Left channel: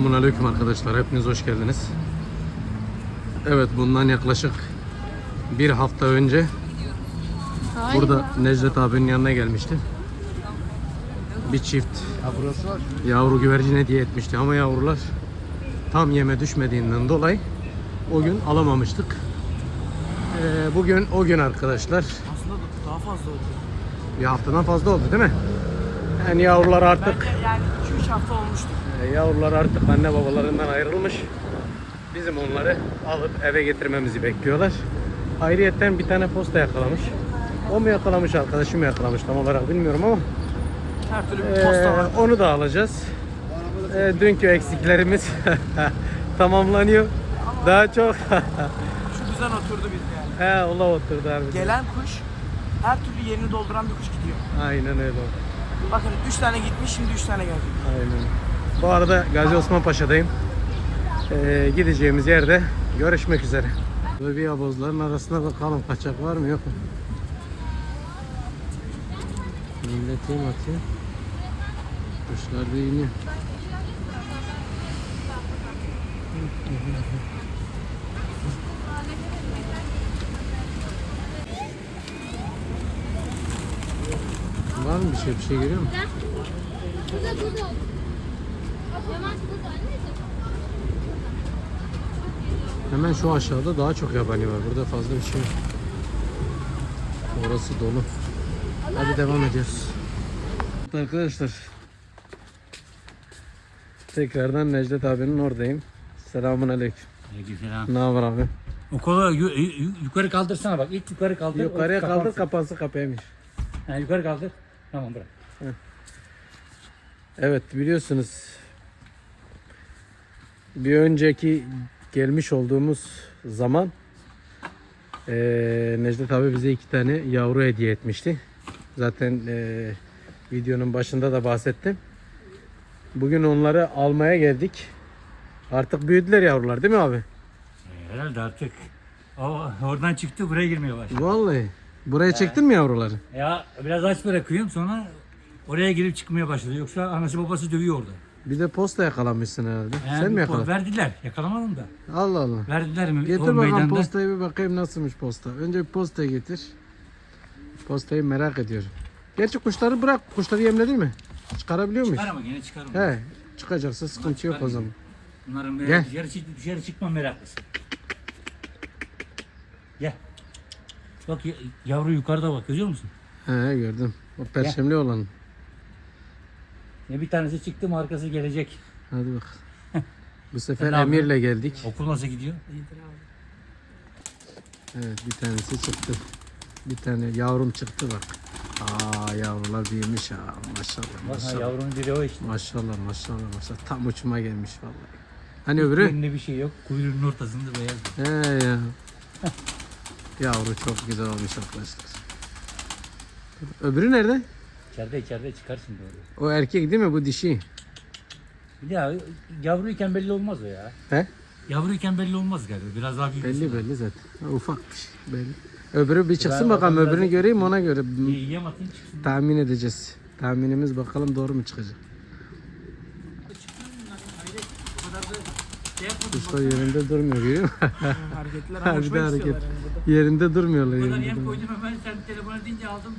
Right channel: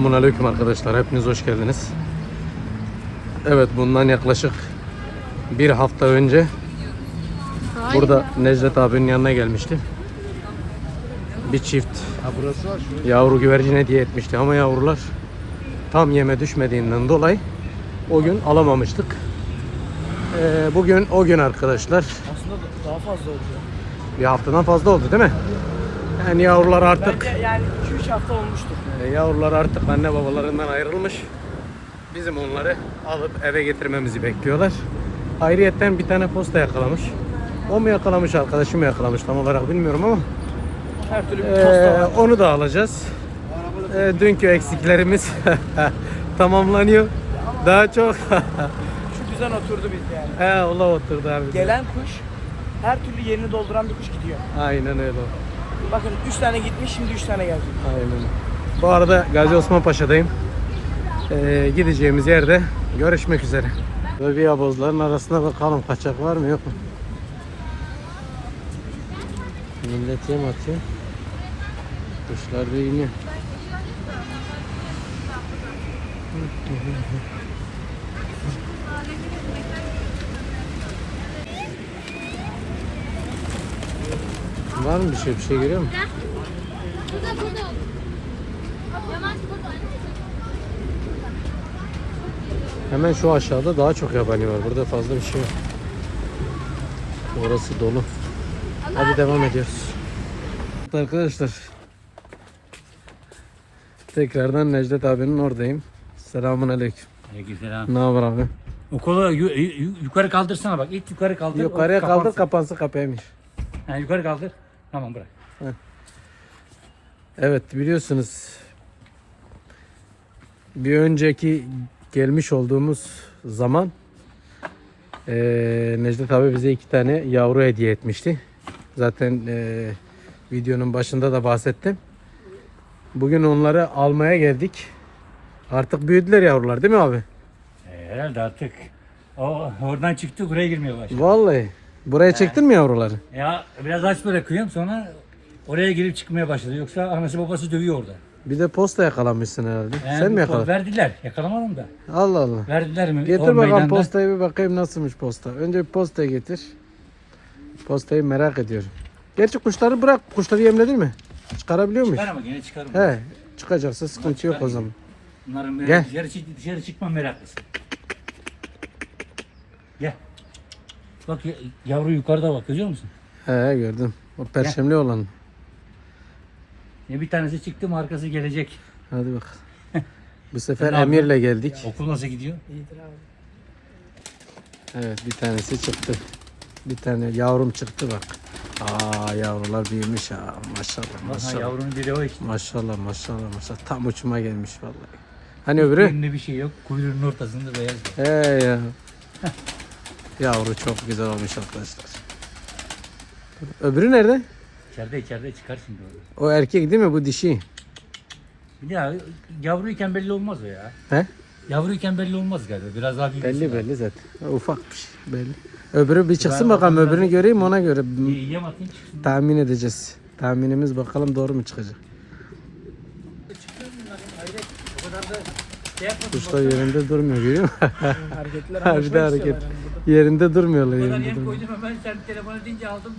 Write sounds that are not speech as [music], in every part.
Selamun Aleyküm arkadaşlar. Hepiniz hoş geldiniz. Evet bundan yaklaşık bir hafta önce burada Necdet abinin yanına gelmişti. Bir çift yavru güvercin hediye etmişti ama yavrular tam yeme düşmediğinden dolayı o gün alamamıştık. Ee, bugün o gün arkadaşlar. Aslında daha fazla oldu. Bir haftadan fazla oldu değil mi? Yani yavrular artık Bence yani 2-3 hafta olmuştur. Ee, Yavrular artık anne babalarından ayrılmış. Bizim onları alıp eve getirmemizi bekliyorlar. Ayrıyetten bir tane posta yakalamış. O mu yakalamış, arkadaşım mı yakalamış tam olarak bilmiyorum ama Her türlü bir ee, posta var. onu da alacağız. Ee, dünkü eksiklerimiz [laughs] tamamlanıyor. Daha çok Şu güzel oturdu bir yani. he ola oturdu abi. Gelen kuş her türlü yerini dolduran bir kuş gidiyor. Aynen öyle. Bakın 3 tane gitmiş şimdi 3 tane. Aynen. Bu arada Gazi Osman Paşa'dayım. Ee, gideceğimiz yerde görüşmek üzere. Böyle bir yabozların arasına bakalım kaçak var mı yok mu? Millet yem atıyor. Kuşlar da iniyor. Var mı bir şey bir şey görüyor musun? Hemen şu aşağıda daha çok yabani var. Burada fazla bir şey yok. Orası dolu. Hadi devam ediyoruz. Arkadaşlar tekrardan Necdet abinin oradayım. Selamun aleyküm. Aleykümselam. Ne haber abi? O yu- yukarı kaldırsana bak. İlk yukarı kaldır. Yukarıya kaldır kapansın. kapaymış. Ha, yukarı kaldır. Tamam bırak. Evet biliyorsunuz bir önceki gelmiş olduğumuz zaman eee Necdet abi bize iki tane yavru hediye etmişti. Zaten eee, videonun başında da bahsettim. Bugün onları almaya geldik. Artık büyüdüler yavrular değil mi abi? Ee, herhalde artık o oradan çıktı buraya girmeye başladı. Vallahi. Buraya çektin mi yavruları? Ya biraz aç bırakıyorum sonra oraya girip çıkmaya başladı. Yoksa anası babası dövüyor orada. Bir de posta yakalamışsın herhalde. Yani Sen mi yakaladın? Verdiler. Yakalamadım da. Allah Allah. Verdiler mi? Getir o bakalım meydanda? postayı bir bakayım nasılmış posta. Önce postayı getir. Postayı merak ediyorum. Gerçi kuşları bırak. Kuşları yemledin mi? Çıkarabiliyor muyuz? Çıkar ama gene çıkarım. He. Çıkacaksa sıkıntı yok o zaman. Bunların Gel. Gel. dışarı, çık, dışarı çıkma meraklısı. Gel. Bak ya- yavru yukarıda bak görüyor musun? He gördüm. O perşemli olan. Ya bir tanesi çıktı mı arkası gelecek. Hadi bak. [laughs] Bu sefer yapıyorsun? Emir'le geldik. Okul nasıl gidiyor? İyidir abi. Evet bir tanesi çıktı. Bir tane yavrum çıktı bak. Aa yavrular büyümüş ha. Maşallah Aha, maşallah. yavrum biri o işte. Maşallah maşallah maşallah. Tam uçuma gelmiş vallahi. Hani öbürü? Ünlü bir şey yok. Kuyruğunun ortasında beyaz. He ya. [laughs] Yavru çok güzel olmuş arkadaşlar. Öbürü nerede? İçeride içeride çıkarsın diyor. O erkek değil mi? Bu dişi. Ya yavruyken belli olmaz o ya. He? Yavruyken belli olmaz galiba. Biraz daha büyümesi Belli belli zaten. Ufakmış belli. Öbürü bir çıksın bakalım öbürünü göreyim ona göre Yem atın çıksın. tahmin edeceğiz. Tahminimiz bakalım doğru mu çıkacak. Çıkıyor bunlar ya. Hayret. O kadar da şey yapmadım. Kuşlar yerinde durmuyor görüyor musun? [laughs] Hareketler [laughs] Harbi anlaşmak hareket. yani yerinde durmuyorlar. O kadar Yerinde yem koydum hemen sen telefonu deyince aldım.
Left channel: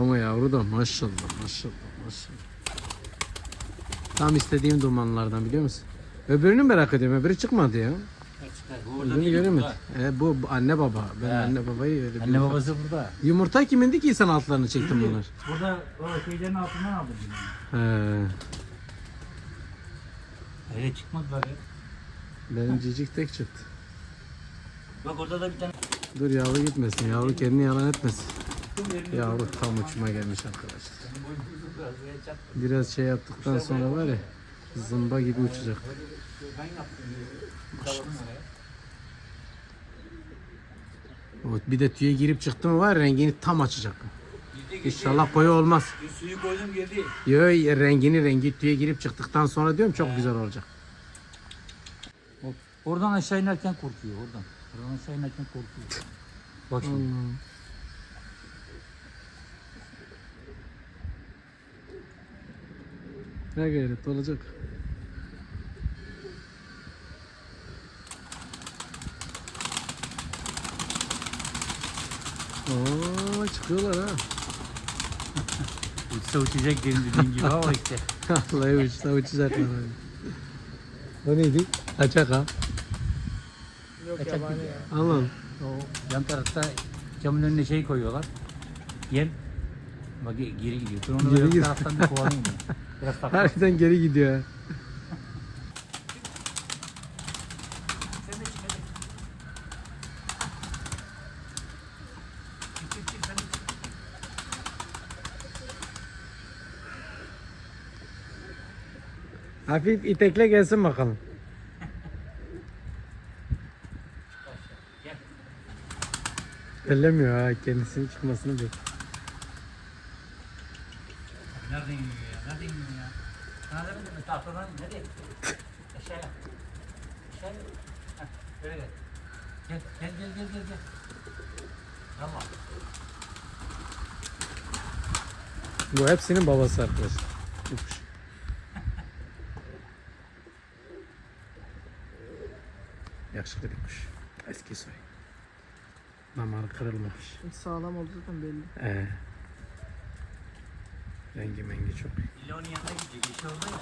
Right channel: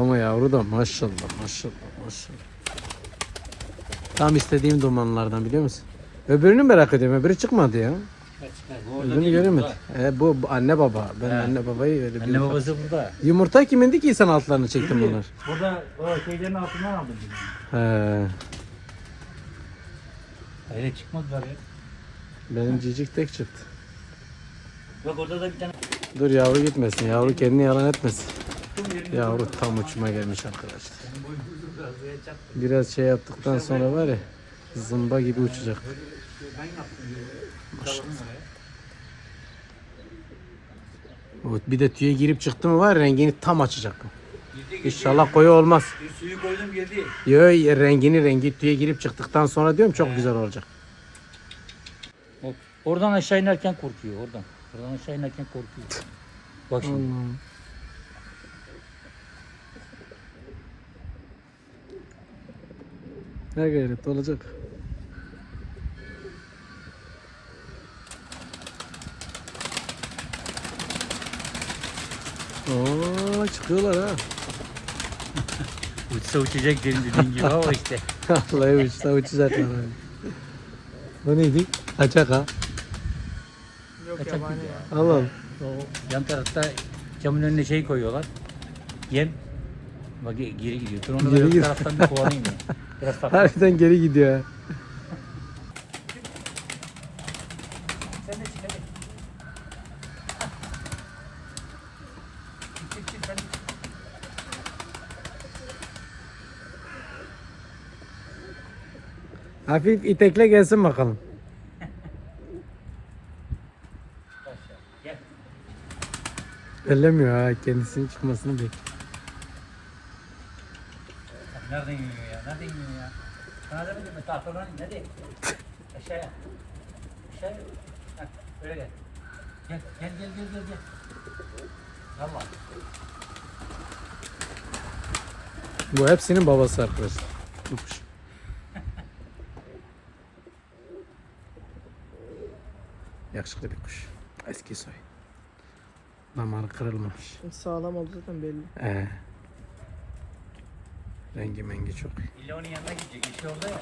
Ama yavru da maşallah maşallah maşallah. Tam istediğim dumanlardan biliyor musun? Öbürünü merak ediyorum. Öbürü çıkmadı ya. Öbürünü göremedim. E, bu, anne baba. Ben anne babayı öyle bir Anne babası burada. Yumurta kimindi ki sen altlarını çektin bunlar? Burada o şeylerin altından aldım. bunu. He. Hayret çıkmadılar ya. Benim cicik tek çıktı. Bak orada da bir tane Dur yavru gitmesin. Yavru kendini yalan etmesin. Yavru tam uçuma gelmiş arkadaşlar. Biraz şey yaptıktan sonra var ya zımba gibi uçacak. Evet, bir de tüye girip çıktı mı var rengini tam açacak. İnşallah koyu olmaz. Suyu koydum girdi. Yo rengini rengi tüye girip çıktıktan sonra diyorum çok güzel olacak. Oradan aşağı inerken korkuyor oradan. Oradan aşağı inerken korkuyor. Bak şimdi. Ne gayret olacak. Oo çıkıyorlar ha. [laughs] Uçsa uçacak dedim dediğin gibi ama işte. [laughs] Vallahi uçsa uçacaklar abi. Bu neydi? Kaçak ha. Allah Allah. O yan tarafta camın önüne şey koyuyorlar. Yem. Bak ge- geri gidiyor. Dur onu da bir taraftan bir kovalayayım ya. [laughs] Biraz takla. Harbiden geri gidiyor ha. Sen de çık hadi. Çık çık çık hadi. Hafif itekle gelsin bakalım. Aşağı. Gel. Ellemiyor ha kendisinin çıkmasını bekliyor. Nereden yiyor ya? Nereden yiyor ya? Sana demedim mi? Tahtadan in hadi. Aşağıya. Aşağıya. Heh, öyle gel. Gel gel gel gel gel. gel. Bu hepsinin babası arkadaşlar. Yakışıklı bir kuş. Eski soy. Damarı kırılmamış. Sağlam oldu zaten belli. Ee, rengi mengi çok iyi. İlla onun yanına gidecek. İşte orada ya.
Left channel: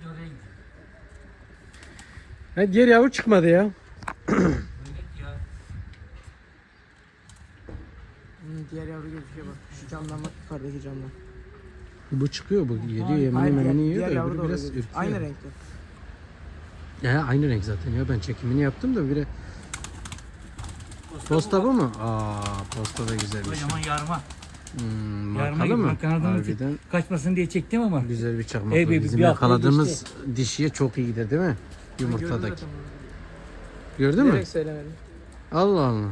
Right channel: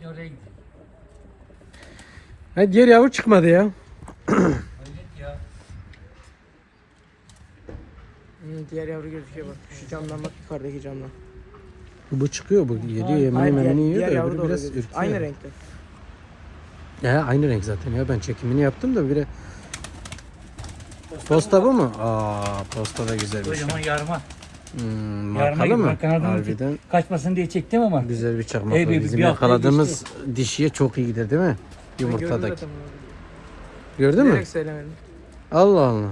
İlla oraya gidecek. Ha, diğer yavru çıkmadı ya. Hayret ya. Hı, diğer yavru gözüküyor bak. Şu camdan bak yukarıdaki camdan. Bu çıkıyor bu. Yediyor diğer, memeni yiyor da öbürü biraz ürküyor. Aynı renkte. Ya aynı renk zaten ya. Ben çekimini yaptım da bire. Posta bu mu? Aa, posta da güzel bir şey. Kocaman yarma. Hmm, markalı mı? Harbiden kaçmasın diye çektim ama. güzel bir çakmak. Ey var. be, Bizim bir hafta yakaladığımız dişiye çok iyi gider değil mi? Yumurtadaki. Gördün mü? Direkt söylemedim. Allah Allah.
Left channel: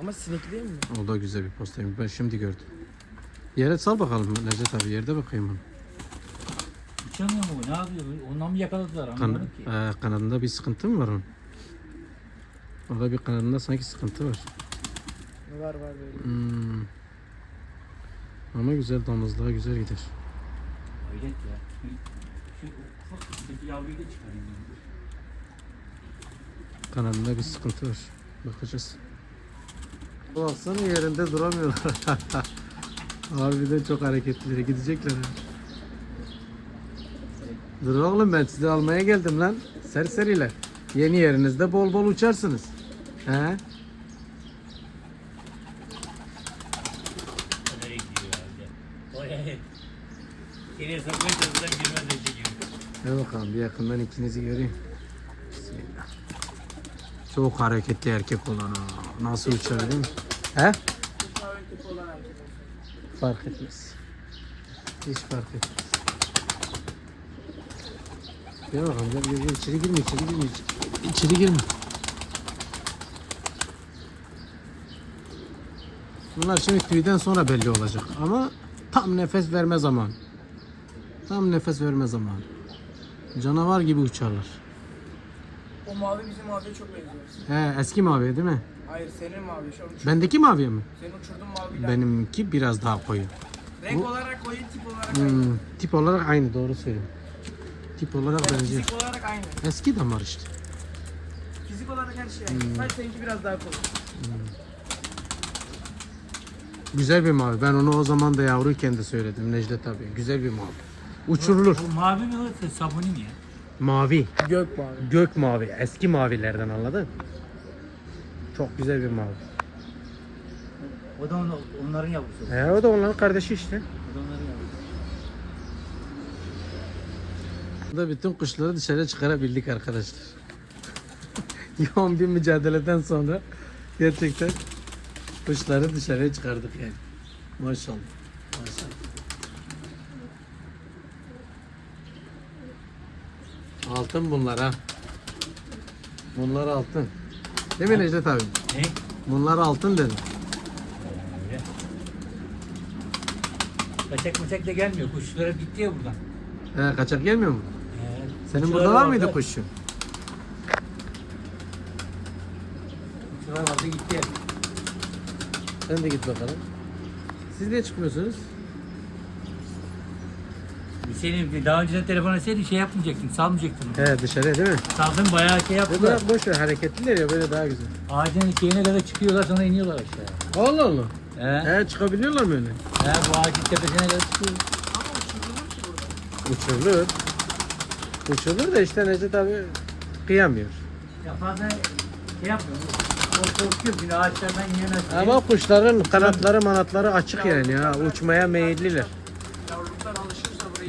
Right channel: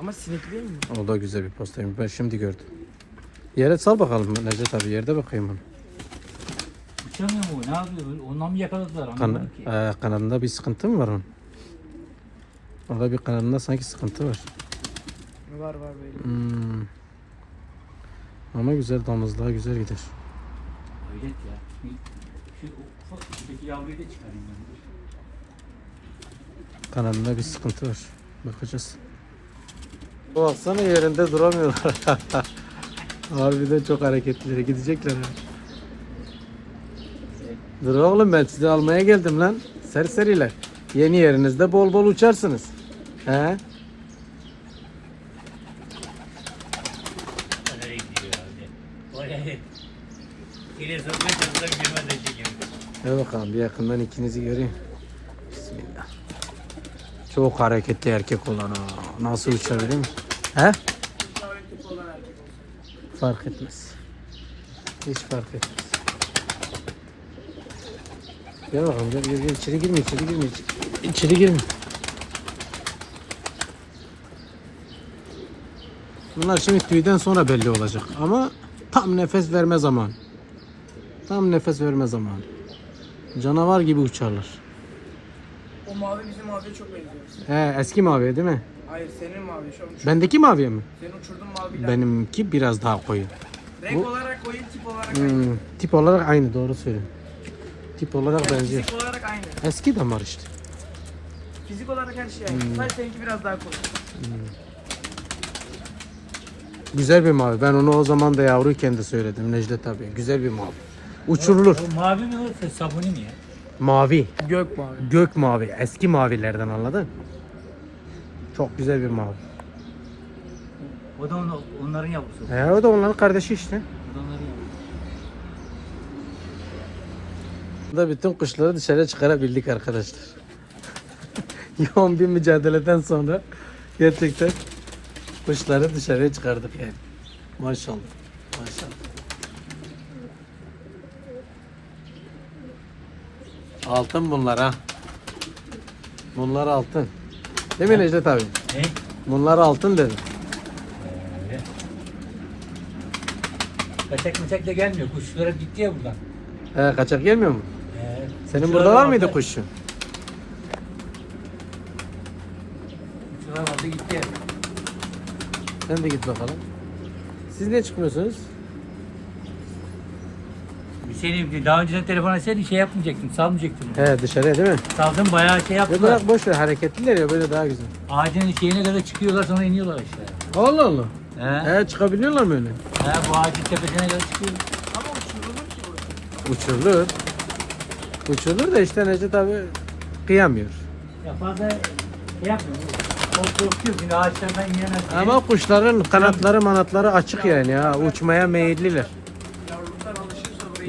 Ama sinekli değil mi? O da güzel bir postaymış. Ben şimdi gördüm. Yere sal bakalım Necdet abi. Yerde bakayım onu. Uçamıyor mu? Ne yapıyor? Ondan mı yakaladılar? Kan Anlamadım ki. Ee, kanadında bir sıkıntı mı var onun? Orada bir kanadında sanki sıkıntı var. Var var belli. Hmm. Ama güzel damızlığa güzel gider. Hayret ya. Şu, şu ufak üstteki yavruyu da çıkarayım ben. Kanadında bir sıkıntı var. Bakacağız. Baksana yerinde duramıyorlar. [laughs] Harbiden çok hareketlileri gidecekler ha. Dur oğlum ben sizi almaya geldim lan. Serseriler. Yeni yerinizde bol bol uçarsınız. He? Nereye gidiyor herhalde? Vay hayret. Geriye sokmaya çalışsam girmez de çekiyorum. Gel bakalım bir yakından ikinizi göreyim. Bismillah. Çok hareketli erkek olan ha. Nasıl uçar değil mi? He? Fark etmez. Hiç fark etmez. Gel bakalım gel gel, gel. içeri girme içeri girme. İçeri girme. Bunlar şimdi tüyden sonra belli olacak ama tam nefes verme zaman. Tam nefes verme zamanı. Canavar gibi uçarlar. O mavi bizim maviye çok benziyor. He, eski mavi değil mi? Hayır senin mavi. Şu an Bendeki maviye mi? senin uçurduğun maviyle. Benimki biraz daha koyu. Renk bu- olarak oyun tip olarak aynı. Hmm, tip olarak aynı doğru söylüyorsun. Tip olarak benziyor. Fizik olarak aynı. Eski damar işte. Fizik olarak her şey aynı. Sadece seninki biraz daha cool. Güzel bir mavi. Ben onu o zaman da yavruyken de söyledim Necdet abi. Güzel bir mavi. Uçurulur. O mavi mi o sabuni mi ya? Mavi. Gök mavi. Gök mavi. Eski mavilerden anladın? Çok güzel bir mavi. O da onu- onların yavrusu. He, o da onların kardeşi işte. Onların Burada bütün kuşları dışarı çıkarabildik arkadaşlar. [laughs] Yoğun bir mücadeleden sonra gerçekten kuşları dışarıya çıkardık yani. Maşallah. Altın bunlar ha. Bunlar altın. Değil mi Necdet abi? Ne? Bunlar altın dedim. Öyle. Kaçak meçak da gelmiyor. Kuşlar hep gitti ya buradan. He, kaçak gelmiyor mu? Ee, Senin burada var mıydı vardı. kuşun? Kuşlar vardı gitti ya. Sen de git bakalım. Siz niye çıkmıyorsunuz? Hüseyin daha önceden telefon etseydin şey yapmayacaktın, salmayacaktın. He dışarıya değil mi? Saldın bayağı şey Ya yaptılar. bırak boş ver hareketliler ya böyle daha güzel. Ağacın şeyine kadar çıkıyorlar sonra iniyorlar işte. Allah Allah. He. He çıkabiliyorlar mı öyle? He, bu ağacın tepesine kadar çıkıyorlar. Uçurulur. Uçurulur da işte Necdet abi kıyamıyor. Ya fazla şey yapmıyor. Korkuyor, bir ağaçlardan yiyemez diye. Ama kuşların kanatları manatları açık yani ya uçmaya meyilliler.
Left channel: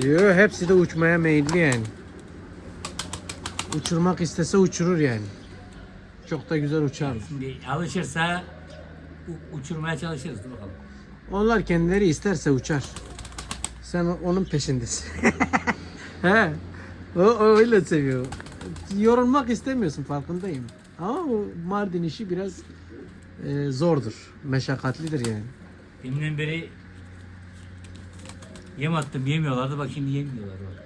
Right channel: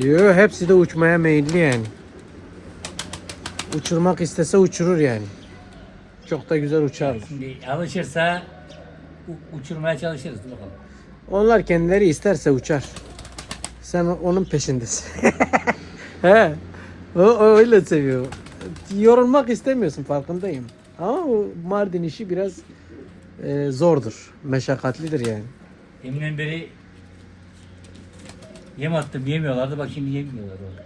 Yo, hepsi de uçmaya meyilli yani. Uçurmak istese uçurur yani. Çok da güzel uçarlar. Şimdi alışırsa u- uçurmaya çalışırız. Dur bakalım. Onlar kendileri isterse uçar. Sen onun peşindesin. [laughs] He. O, o öyle seviyor. Yorulmak istemiyorsun farkındayım. Ama o Mardin işi biraz e, zordur. Meşakkatlidir yani. Deminden beri yem attım yemiyorlardı bak şimdi yemiyorlar orada.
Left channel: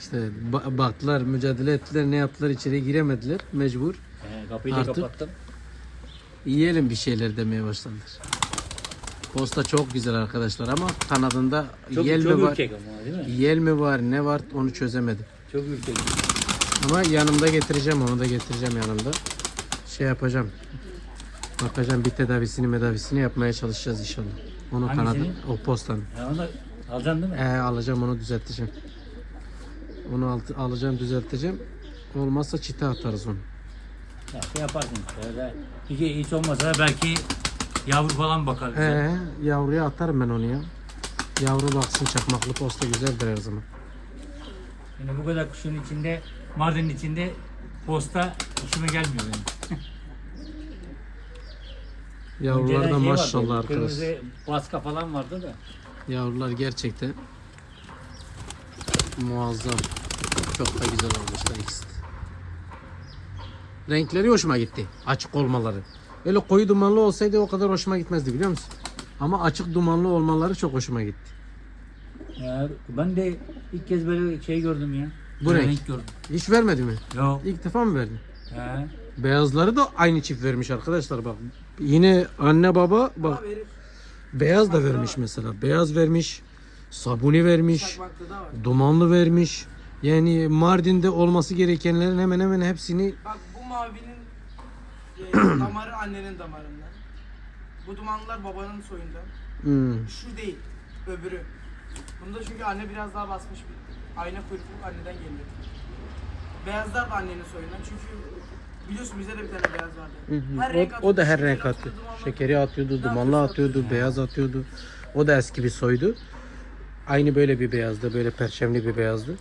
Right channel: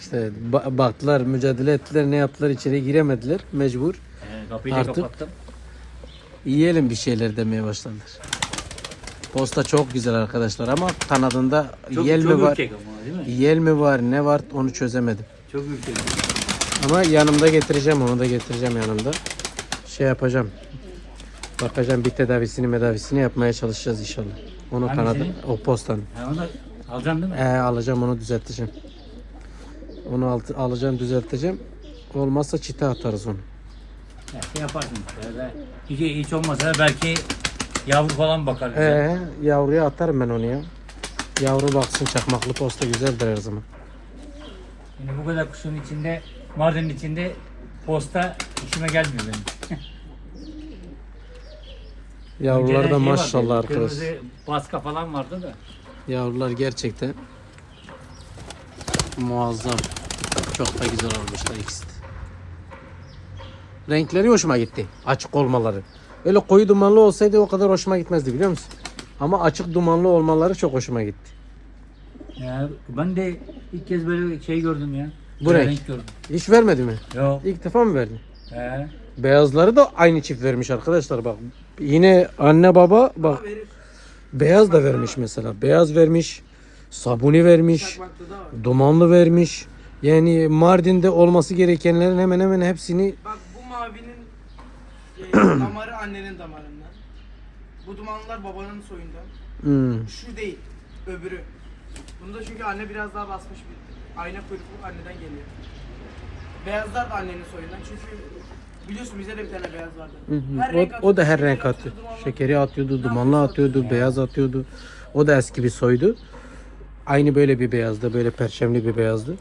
İşte ba- baktılar, mücadele ettiler, ne yaptılar içeri giremediler mecbur. Ee, kapıyı da Artık- kapattım. Yiyelim bir şeyler demeye başladılar. Posta çok güzel arkadaşlar ama kanadında Çok, yel çok mi var, ürkek ama değil mi? yel mi var, ne var onu çözemedim. Çok ürkek. Ama yanımda getireceğim, onu da getireceğim yanımda. Şey yapacağım. Bakacağım bir tedavisini medavisini yapmaya çalışacağız inşallah. Onu Hangisini? kanadı, o postanın. Onu da alacaksın değil mi? Ee, alacağım onu düzelteceğim. Onu alt, alacağım düzelteceğim. Olmazsa çite atarız onu. Ya, şey yaparsın. Şöyle. Hiç, hiç olmazsa belki yavru falan bakar. bize. Ee, yavruya atarım ben onu ya. Yavru baksın çakmaklı posta güzeldir her zaman. Yani bu kadar kuşun içinde, Mardin'in içinde posta işime gelmiyor benim. Yavrular da şey maşallah arkadaş. Kırmızı baska falan vardı da. Yavrular gerçekten muazzam. Çok da güzel olmuşlar ikisi. Renkleri hoşuma gitti. Açık olmaları. Öyle koyu dumanlı olsaydı o kadar hoşuma gitmezdi biliyor musun? Ama açık dumanlı olmaları çok hoşuma gitti. Ya, ben de ilk kez böyle şey gördüm ya. Bu Böyle renk. gördüm. Hiç vermedi mi? Yok. İlk defa mı verdi? He. Beyazları da aynı çift vermiş arkadaşlar bak. Yine anne baba bak. Beyaz da vermiş mesela. Beyaz vermiş. Sabuni vermiş. Dumanlı vermiş. Yani Mardin'de olması gerekenlerin hemen hemen hepsini Bak bu mavinin e, [clears throat] damarı annenin damarından. Bu dumanlılar babanın soyundan. hmm, Şu değil, öbürü. Bunda çünkü anne biraz daha basmış bir ayna kuyruklu anneden geliyor. Beyazlar da annenin soyundan çünkü biliyorsun bizde de bir tane beyaz vardı. Hı hı. Her renk O, o da her atıyordu, renk attı. atıyordu, dumanlı Şekeri atıyordu, dumanlı atıyordu, beyaz atıyordu. O da eski bir soydu. Aynı böyle bir beyazdı, böyle perçemli bir beyazdı.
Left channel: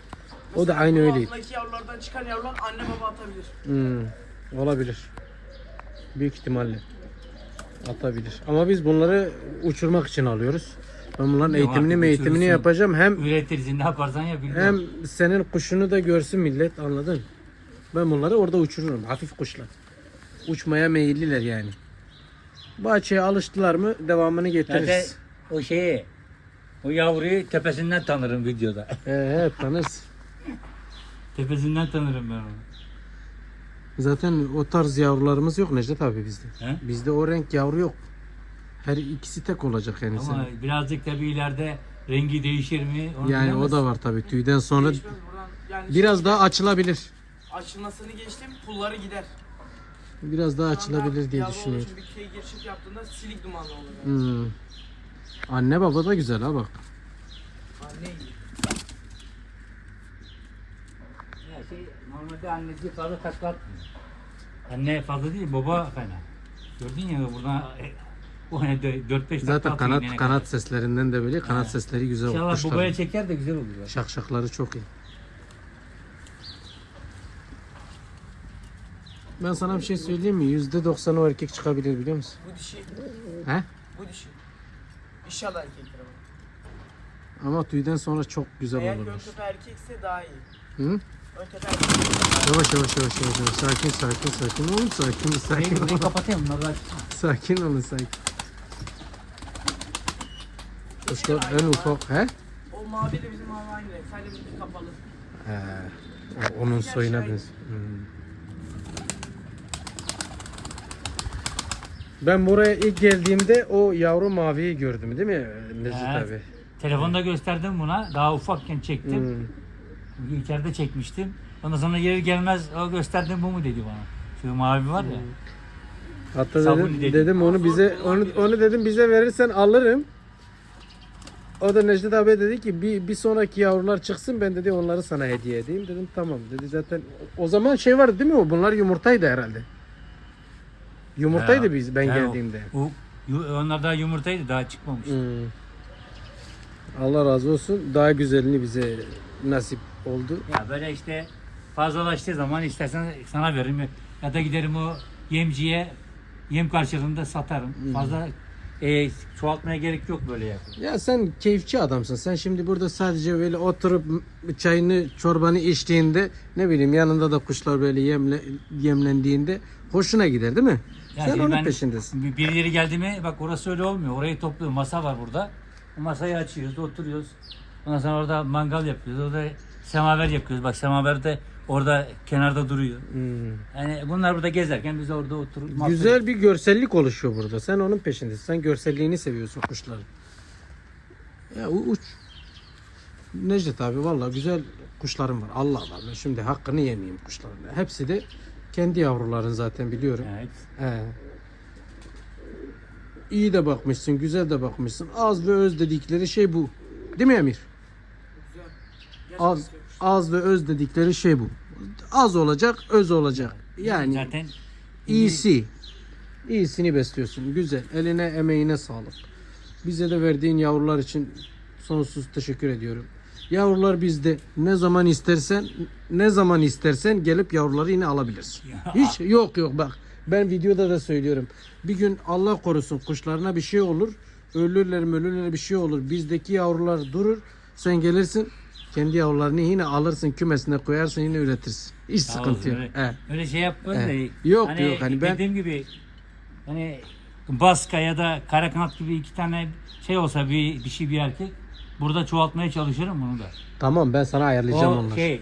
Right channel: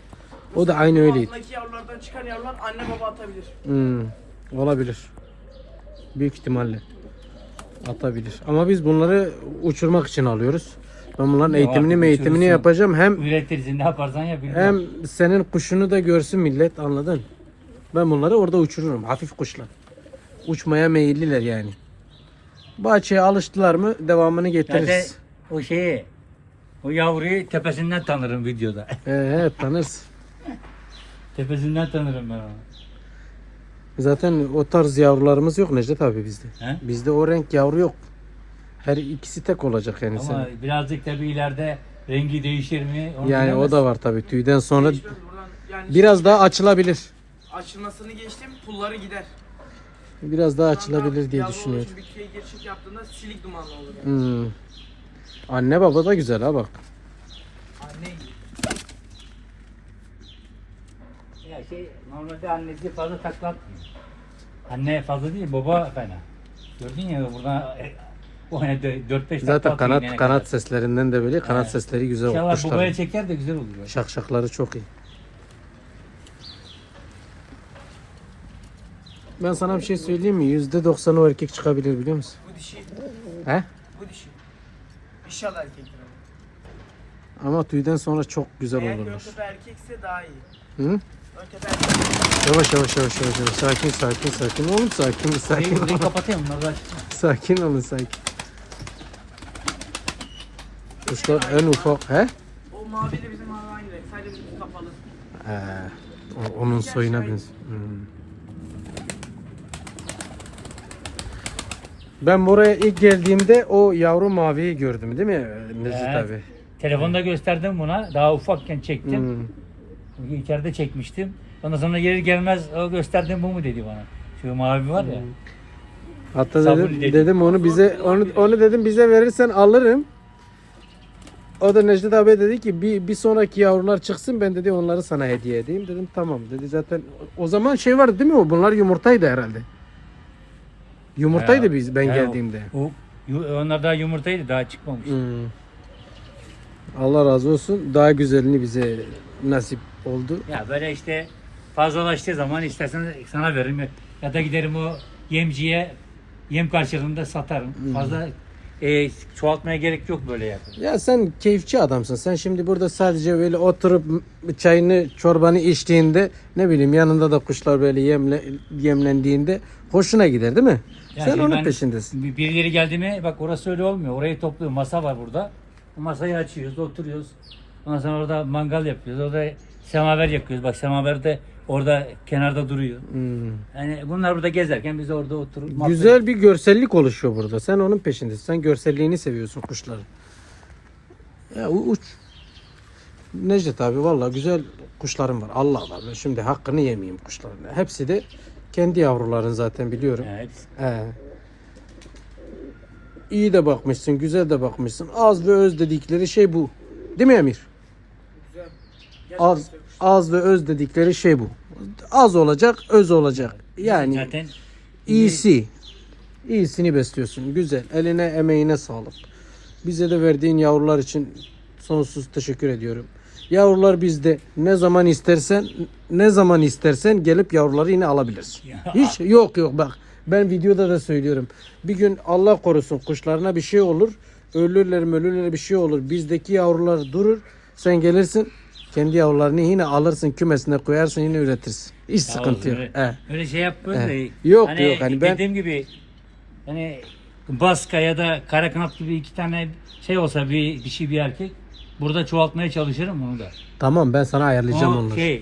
O da aynı öyleydi. Altındaki yavrulardan çıkan yavrular anne baba atabilir. Hmm, olabilir. Büyük ihtimalle atabilir. Ama biz bunları uçurmak için alıyoruz. Ben bunların Ya eğitimini artık eğitimini uçurursun. yapacağım. Hem Üretirsin ne yaparsan ya bilmiyorum. hem senin kuşunu da görsün millet anladın? Ben bunları orada uçururum. Hafif kuşlar. Uçmaya meyilliler yani. Bahçeye alıştılar mı devamını Zaten getiririz. o şeyi, o yavruyu tepesinden tanırım videoda. Evet tanırız. tepesinden tanırım ben onu. Zaten o tarz yavrularımız yok Necdet abi bizde. He? Bizde o renk yavru yok. Her ikisi tek olacak yani Ama senin. birazcık da bir ileride rengi değişir mi? Onu Yani o bilemez. da var tabii. Tüyden sonra yani biraz daha açılabilir. Açılmasını geçtim pulları gider. Biraz daha açılabilir diye düşünüyorum. bir şey geçiş yaptığında silik dumanlı olur. Yani. Hmm. Anne baba da güzel ha bak. Anne Ya şey, normalde annesi fazla takla atmıyor. Anne fazla değil, baba fena. Gördün ya burada e, o ne 4-5 Zaten kanat kanat seslerinden de böyle kanat Evet. sesleri güzel İnşallah babaya çeker de güzel olur. Şakşakları çok iyi. Ben sana bir şey söyleyeyim mi? Yüzde doksanı o erkek çıkabilir biliyor musun? bu dişi, He? bu dişi. İnşallah erkektir ama. Ama tüyden sonra çok güzel Eğer olurlar. Görtepe erkekse daha iyi. Hı? Yavaş yavaş yavaş yavaş. yavaş. Sakin sakin sakin. Oğlum sakin sakin Burayı, kapatayım bunları. Sakin olun sakin. kuşlar en ufak he? O mavi de bizim. Sadece ucu kapalı. He. Onun soyuna benziyor. Hmm. Ben buraya ilk geldiğimde o yavru maviyi gördüm değil mi Necdet Evet. abi? Telefonda gösterdim buna. Daha ufakken çektim. Hmm. İçeride çekmiştim. Ondan sonra geri gelmez o gösterdiğim bu mu dedi bana. Şu mavi var ya. Hatta Sabun dedim, dedi. dedim onu bize onu onu dedim bize verirsen alırım. O da Necdet abi dedi ki bir, bir sonraki yavrular çıksın ben dedi onları sana hediye edeyim. Dedim tamam dedi zaten o zaman şey vardı değil mi o bunlar yumurtaydı herhalde. Yumurtaydı Ya, biz ben ya geldiğimde. O, yu- onlar daha yumurtaydı daha çıkmamış. Hmm. Allah razı olsun daha güzelini bize nasip oldu. Ya böyle işte fazlalaştığı zaman istersen sana veririm ya da giderim o yemciye yem karşılığında satarım. Fazla e, çoğaltmaya gerek yok böyle yakın. Ya sen keyifçi adamsın. Sen şimdi burada sadece böyle oturup çayını, çorbanı içtiğinde ne bileyim yanında da kuşlar böyle yemle, yemlendiğinde hoşuna gider değil mi? Yani sen onun ben peşindesin. Bir yeri geldi mi bak orası öyle olmuyor. Orayı topluyor. Masa var burada. Bu masayı açıyoruz, oturuyoruz. Ondan sonra orada mangal yapıyoruz. Orada semaver yakıyoruz. Bak semaver de orada kenarda duruyor. Hmm. Yani bunlar burada gezerken biz orada oturup Güzel bir görsellik oluşuyor burada. Sen onun peşindesin. Sen görselliğini seviyorsun kuşların. Ya uç. Necdet abi valla güzel kuşlarım var. Allah var. Ben şimdi hakkını yemeyeyim kuşların. Hepsi de kendi yavruların zaten biliyorum. Evet. He. İyi de bakmışsın, güzel de bakmışsın. Az ve öz dedikleri şey bu. Değil mi Emir? Güzel. Az, Gerçekten az ve öz dedikleri şey bu. Az olacak, öz olacak. Yani Zaten iyisi. İyisini besliyorsun. Güzel. Eline, emeğine sağlık. Bize de verdiğin yavrular için sonsuz teşekkür ediyorum. Yavrular bizde. Ne zaman istersen, ne zaman istersen gelip yavruları yine alabilirsin. Hiç yok yok bak. Ben videoda da söylüyorum. Bir gün Allah korusun kuşlarına bir şey olur. Ölürler ölürler bir şey olur. Bizdeki yavrular durur. Sen gelirsin kendi yavrularını yine alırsın kümesine koyarsın yine üretirsin. Hiç Sağ sıkıntı yok. öyle, He. öyle şey yapıyoruz He. da. Yok, yok, hani ben- Dediğim gibi hani Baska ya da Karakanat gibi iki tane şey olsa bir, bir şey bir erkek burada çoğaltmaya çalışırım onu da. Tamam ben sana ayarlayacağım O onları. şey,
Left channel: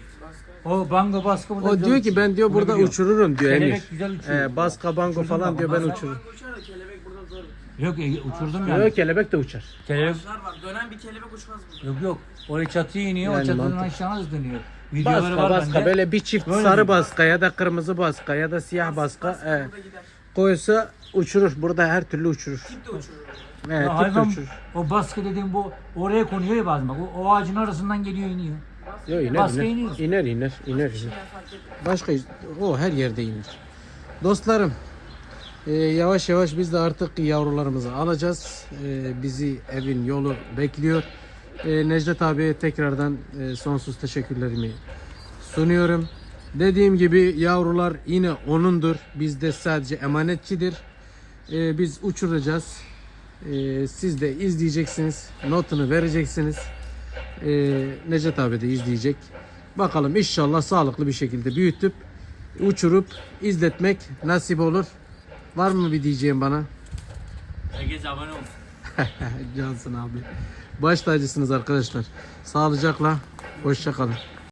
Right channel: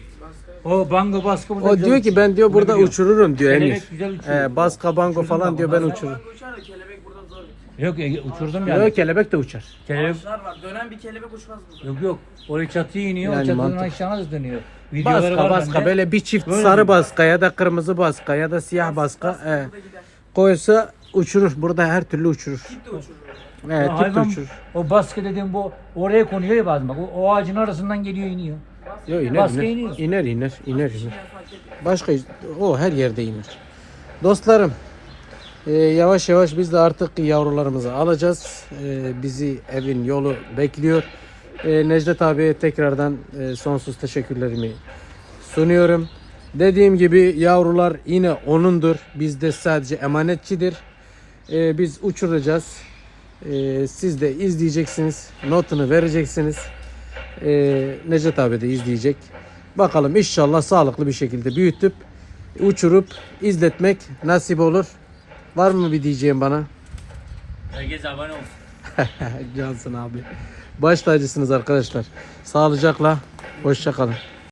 o bango baskı burada O güzel diyor ki ben diyor burada uçuyor. uçururum diyor Kelebek Emir. güzel uçuyor. He, baska bango falan diyor ben uçururum. Uçar da kelebek burada zor. Yok e, uçurdum yani. Yok kelebek de uçar. Kelebek Ağaçlar var. Dönen bir kelebek uçmaz burada. yok yok. Oraya çatıya iniyor, Yani o çatıdan mantık. aşağıya da dönüyor. Videoları Baska var baska bende. böyle bir çift Böyle sarı mi? baska ya da kırmızı baska ya da siyah baska he, Burada gider. koysa uçurur. Burada her türlü uçurur. Tip de uçurur. He, Ya hayvan, uçurur. o baskı dediğim bu oraya konuyor ya bazen bak. O, o ağacın arasından geliyor iniyor. Yo, iner, Baska iner, iniyor. iner, iner, iner. Başka o her yerde iner. Dostlarım e, yavaş yavaş biz de artık yavrularımızı alacağız. E, bizi evin yolu bekliyor. E, Necdet abiye tekrardan e, sonsuz teşekkürlerimi sunuyorum. Dediğim gibi yavrular yine onundur. Bizde sadece emanetçidir. E, biz uçuracağız. E, siz de izleyeceksiniz. Notunu vereceksiniz. E, Necdet abi de izleyecek. Bakalım inşallah sağlıklı bir şekilde büyütüp uçurup izletmek nasip olur. Var mı bir diyeceğim bana? Herkes abone olsun. [laughs] Cansın abi. Baş tacısınız arkadaşlar. Sağlıcakla. Hoşça kalın.